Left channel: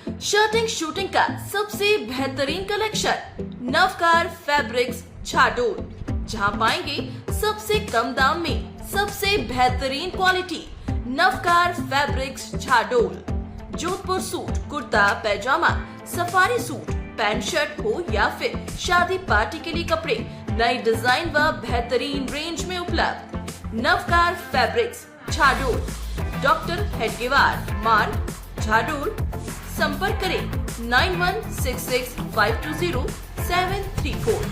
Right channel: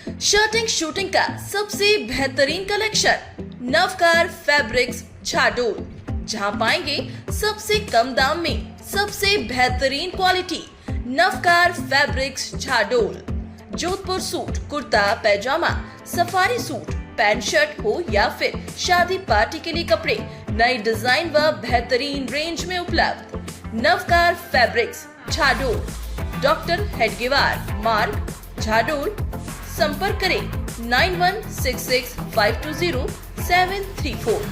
Shirting suiting का सबसे बेहतरीन कलेक्शन नवकार फैब्रिक्स झाडोल, जहां पाएंगे सबसे कम दाम में सबसे बेहतरीन quality. Navkar fabrics Jhadol, Jodhpur suit, kurta pyjama, safari suit, pant shirt हो या फिर शादी पार्टी के लिए कपड़े, नई डिजाइन व बेहतरीन रेंज में उपलब्ध। नवकार फैब्रिक्स झाडोल, डॉक्टर हेडगेवार मार्ग, झाडोल। संपर्क करें 9166520734।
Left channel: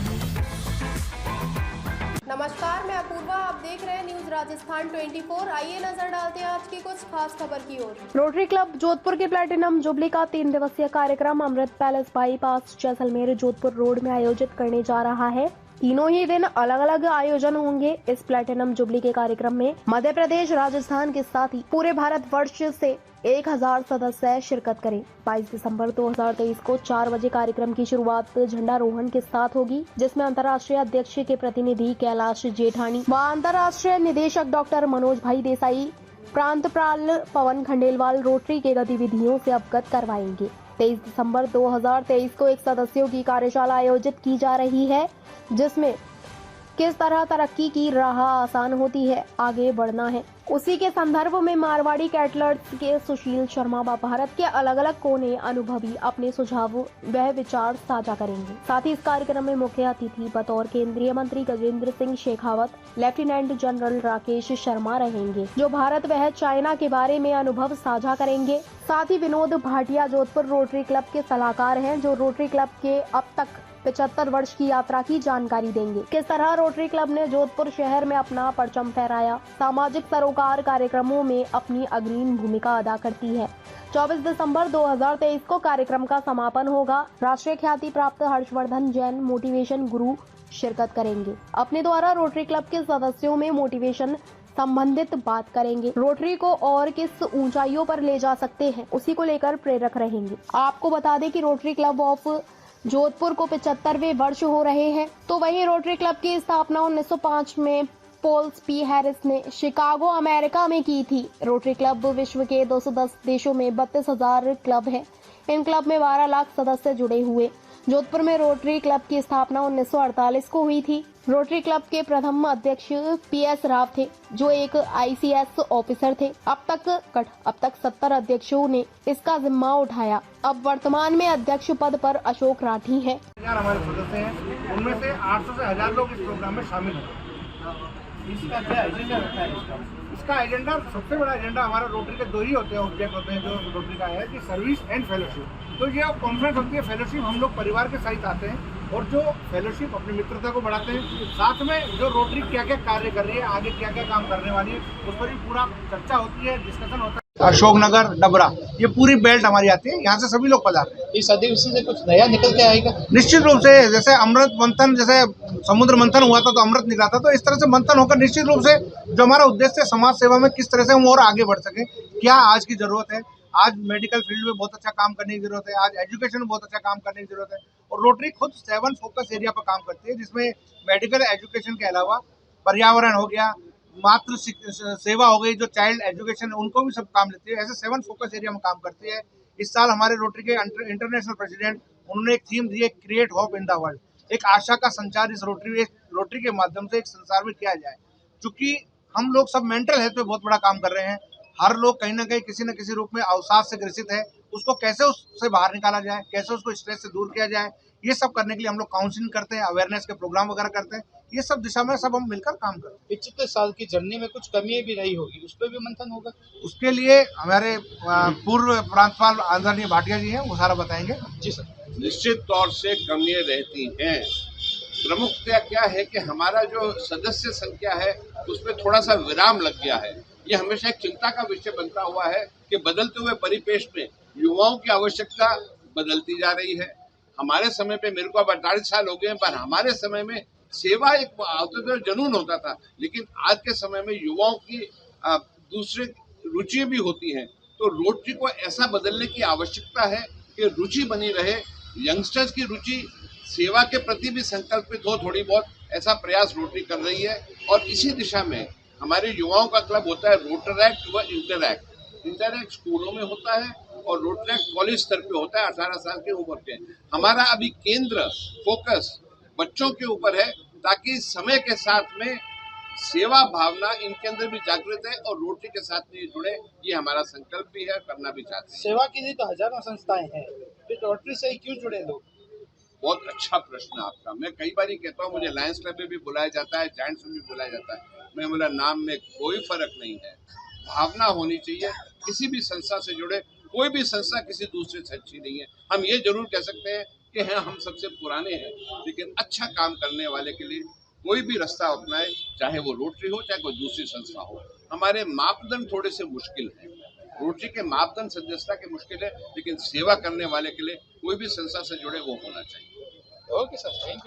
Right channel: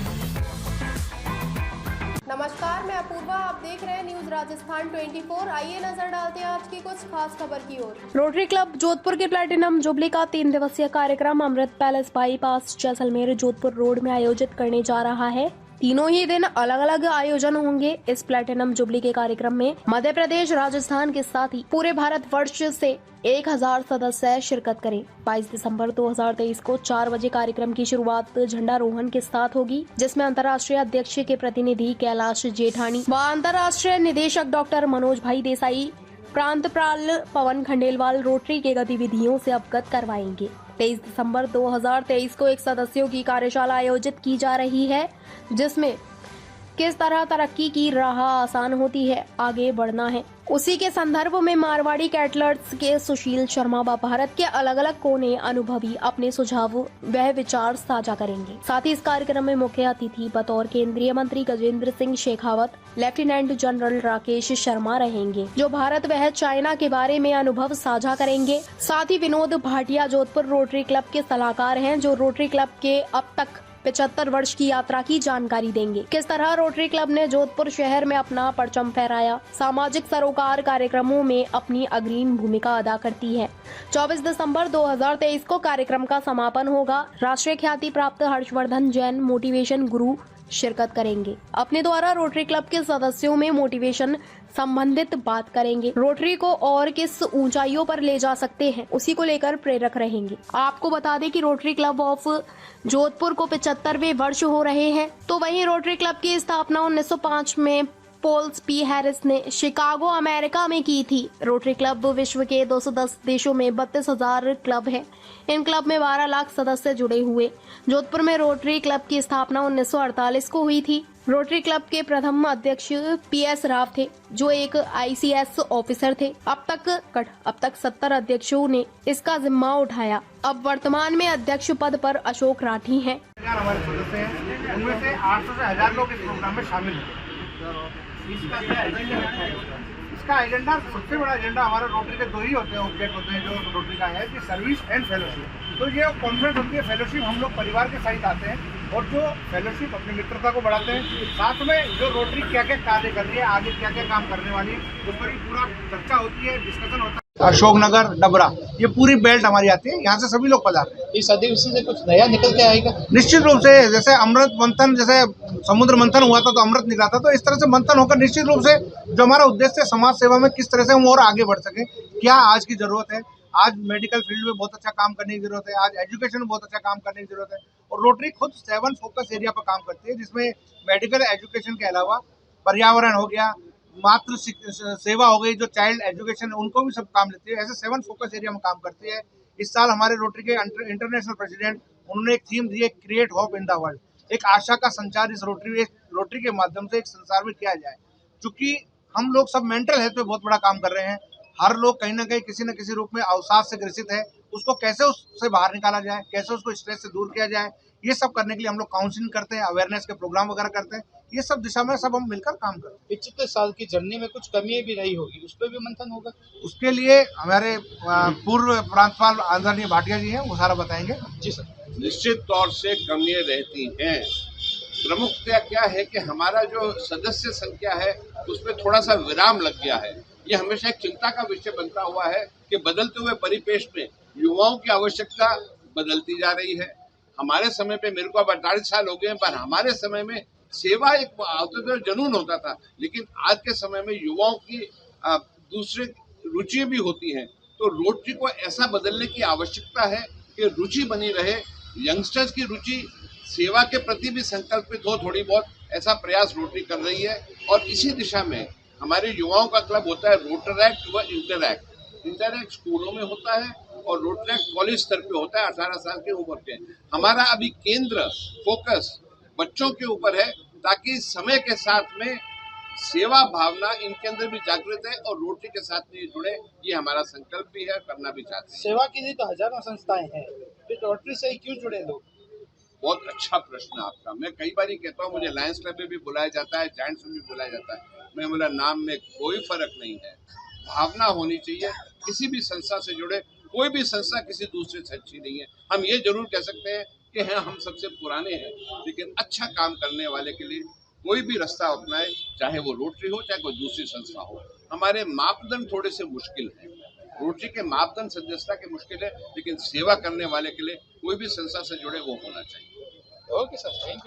नमस्कार, मैं अपूर्वा, आप देख रहे हैं न्यूज राजस्थान 24। आइए नजर डालते हैं आज की कुछ खास खबर की ओर। रोटरी क्लब जोधपुर के प्लैटिनम जुबली का 3 दिवसीय कार्यक्रम Amrit palace bypass Jaisalmer Jodhpur road में आयोजित करने जा रहा है। तीनों ही दिन अलग अलग आयोजन होंगे। इस प्लैटिनम जुबली के कार्यक्रम में मध्य प्रदेश, राजस्थान के साथ ही पूरे भारत वर्ष से 1000 सदस्य शिरकत करें। 22 दिसंबर 2023 को 4 बजे कार्यक्रम की शुरुआत झंडारोहण के साथ होगी, जिसमें अंतर्राष्ट्रीय अध्यक्ष के प्रतिनिधि कैलाश जेठानी व अंतर्राष्ट्रीय निदेशक डॉक्टर मनोज भाई देसाई प्रांतपाल पवन खंडेलवाल रोटरी के गतिविधियों से अवगत करवाएंगे। 23 दिसंबर 2023 को एक सदस्यों की कार्यशाला आयोजित की जा रही है, जिसमें किस तरह तरक्की की राह आसान होती है, आगे बढ़ना है, उसी के संदर्भ में मारवाड़ी कैटलर्स के सुशील शर्मा व भारत के अलग अलग कोने अनुभवी अपने सुझाव व विचार साझा करेंगे। साथ ही इस कार्यक्रम में मुख्य अतिथि बतौर केंद्रीय मंत्री गजेंद्र सिंह शेखावत, लेफ्टिनेंट जनरल राकेश शर्मा रहेंगे, जो भारत व चाइना के बारे में अनुभव साझा करेंगे। साथ ही विनोद भाटिया जोधपुर रोटरी क्लब के सलाहकार हैं, जो रोटरी क्लब के अब तक 75 वर्ष की यात्रा की जानकारी देंगे। किस तरह रोटरी क्लब ने जोधपुर शहर में अपना परचम फहराया, सामाजिक सरोकार कार्यक्रमों में अपनी अग्रणी भूमिका अदा करती है। 24 दिसंबर 2023 को कार्यक्रम का समापन होगा। राष्ट्रीय ख्याति प्राप्त हर्षवर्धन जैन मोटिवेशन गुरु शिरकत करेंगे। अपने द्वारा रोटरी क्लब के सदस्यों में मोटिवेशन संबंधित बात करेंगे। रोटरी को और किस ऊंचाइयों पर ले जा सकते हैं, उसी को लेकर प्रेरक रहेंगे। आपको बता दें कि रोटरी क्लब ऑफ जोधपुर को 75वें वर्ष हो रहे हैं। तो वहीं रोटरी क्लब की स्थापना 1905 में पोल्स पी हैरिस ने शिकागो अमेरिका में की थी। रोटरी क्लब विश्व के 210 देशों में 32,000 क्लब हैं। इन क्लब में 12 लाख सदस्य जुड़े हुए। जोधपुर में रोटरी क्लब की स्थापना 1948 को हुई थी। रोटरी क्लब के प्रथम अध्यक्ष PS राव थे, जो एक ICS ऑफिसर थे। अब तक 70 अध्यक्षों ने इसका जिम्मा उठाया। अब वर्तमान में अध्यक्ष पद पर अशोक राठी हैं। हमारे सदस्य हैं, उनमें से 800 से 1000 लोग इस प्रोग्राम में शामिल हैं। इसका क्या एजेंडा रखा है? इसका एजेंडा, सबसे बड़ा एजेंडा हमारे रोटरी के 2 ही होते हैं, ऑब्जेक्ट होते हैं जो रोटरी का है कि सर्विस एंड फेलोशिप। तो ये कॉन्फ्रेंस होती है। फेलोशिप हम लोग परिवार के सहित आते हैं, और जो फेलोशिप अपनी मित्रता को बढ़ाते हैं, साथ में जो रोटरी क्या क्या कार्य कर रही है, आगे क्या क्या काम करने वाली है, उस पर भी पूरा चर्चा होती है, डिस्कशन होता है। अशोकनगर, डबरा, ये पूरी बेल्ट हमारी आती है। यहाँ से सभी लोग पधारते हैं। इस अधिवेशन से कुछ नया निकल के आएगा निश्चित रूप से। जैसे अमृत मंथन, जैसे समुद्र मंथन हुआ था तो अमृत निकला था, तो इस तरह से मंथन होकर निश्चित रूप से जो हमारा उद्देश्य है समाज सेवा में किस तरह से हम और आगे बढ़ सके, क्या आज की जरूरत है। आज मेडिकल फील्ड में बहुत अच्छा काम करने की जरूरत है, आज एजुकेशन में बहुत अच्छा काम करने की जरूरत है। और रोटरी खुद 7 फोकस एरिया पर काम करती है, जिसमें मेडिकल एजुकेशन के अलावा पर्यावरण हो गया, मातृ सेवा हो गई, जो चाइल्ड एजुकेशन, उनको भी सब काम लेती है। ऐसे 7 फोकस एरिया में काम करती है। इस साल हमारे रोटरी के इंटरनेशनल प्रेसिडेंट, उन्होंने एक थीम दी है, create hope in the world. एक आशा का संचार इस रोटरी के माध्यम से एक संसार में किया जाए। चूंकि हम लोग सब मेंटल हेल्थ पे बहुत बड़ा काम कर रहे हैं। हर लोग कहीं ना कहीं किसी न किसी रूप में अवसाद से ग्रसित है। उसको कैसे उससे बाहर निकाला जाए, कैसे उसको स्ट्रेस से दूर किया जाए, ये सब करने के लिए हम लोग काउंसलिंग करते हैं, अवेयरनेस के प्रोग्राम वगैरह करते हैं। ये सब दिशा में सब हम मिलकर काम करते हैं। 75 साल की जर्नी में कुछ कमियां भी रही होगी, उस पर भी मंथन होगा। उसके लिए हमारे पूर्व प्रांतपाल आदरणीय भाटिया जी हैं, वो सारा बताएंगे। जी सर। निश्चित तौर से कमियां रहती हैं। प्रमुखतया क्या है कि हमारा जो सदस्य संख्या है उसमें थोड़ा सा विराम लग गया है। ये हमेशा एक चिंता का विषय बनता हुआ है कि बदलते हुए परिपेश में युवाओं की आवश्यकता बदलती जा रही है। हमारे समय पे, मेरे को अब 48 साल हो गए हैं, पर हमारे समय में सेवा एक जुनून होता था, लेकिन आज के समय में युवाओं की दूसरे रुचि भी होती हैं। तो रोटरी को ऐसा बदलने की आवश्यकता है कि रुचि बनी रहे, यंगस्टर्स की रुचि सेवा के प्रति भी संकल्पित हो थोड़ी बहुत, ऐसा प्रयास रोटरी कर रही है। और इसी दिशा में हमारे युवाओं का क्लब होता है रोटरैक्ट व इंटरैक्ट। इंटरनेट स्कूलों में होता है और रोटरैक्ट कॉलेज स्तर पे होता है 18 साल के उम्र के। हमारा अभी केंद्र फोकस बच्चों के ऊपर है ताकि समय के साथ में सेवा भावना इनके अंदर भी जागृत है और रोटरी के साथ में जुड़े, ये हमारा संकल्प भी है, करना भी चाहते हैं। सेवा के लिए तो हजारों संस्थाएं हैं, फिर रोटरी से ही क्यों जुड़े लोग? बहुत अच्छा प्रश्न आपका। मैं कई बार कहता हूँ, मुझे लायंस क्लब में भी बुलाया जाता है, जायंट्स में भी बुलाया जाता है। मैं बोला नाम में कोई फर्क नहीं है, भावना होनी चाहिए। किसी भी संस्था से जुड़े, कोई भी संस्था किसी दूसरे से अच्छी नहीं है। हम ये जरूर कह सकते हैं कि हैं हम सबसे पुराने हैं, लेकिन अच्छा काम करने वाले के लिए कोई भी रास्ता अपनाए, चाहे वो रोटरी हो चाहे कोई दूसरी संस्था हो। हमारे मापदंड थोड़े से मुश्किल हैं, रोटरी के मापदंड सदस्यता के मुश्किल है, लेकिन सेवा करने वाले के लिए कोई भी संस्था से जुड़े वो होना चाहिए। Okay sir, thank you.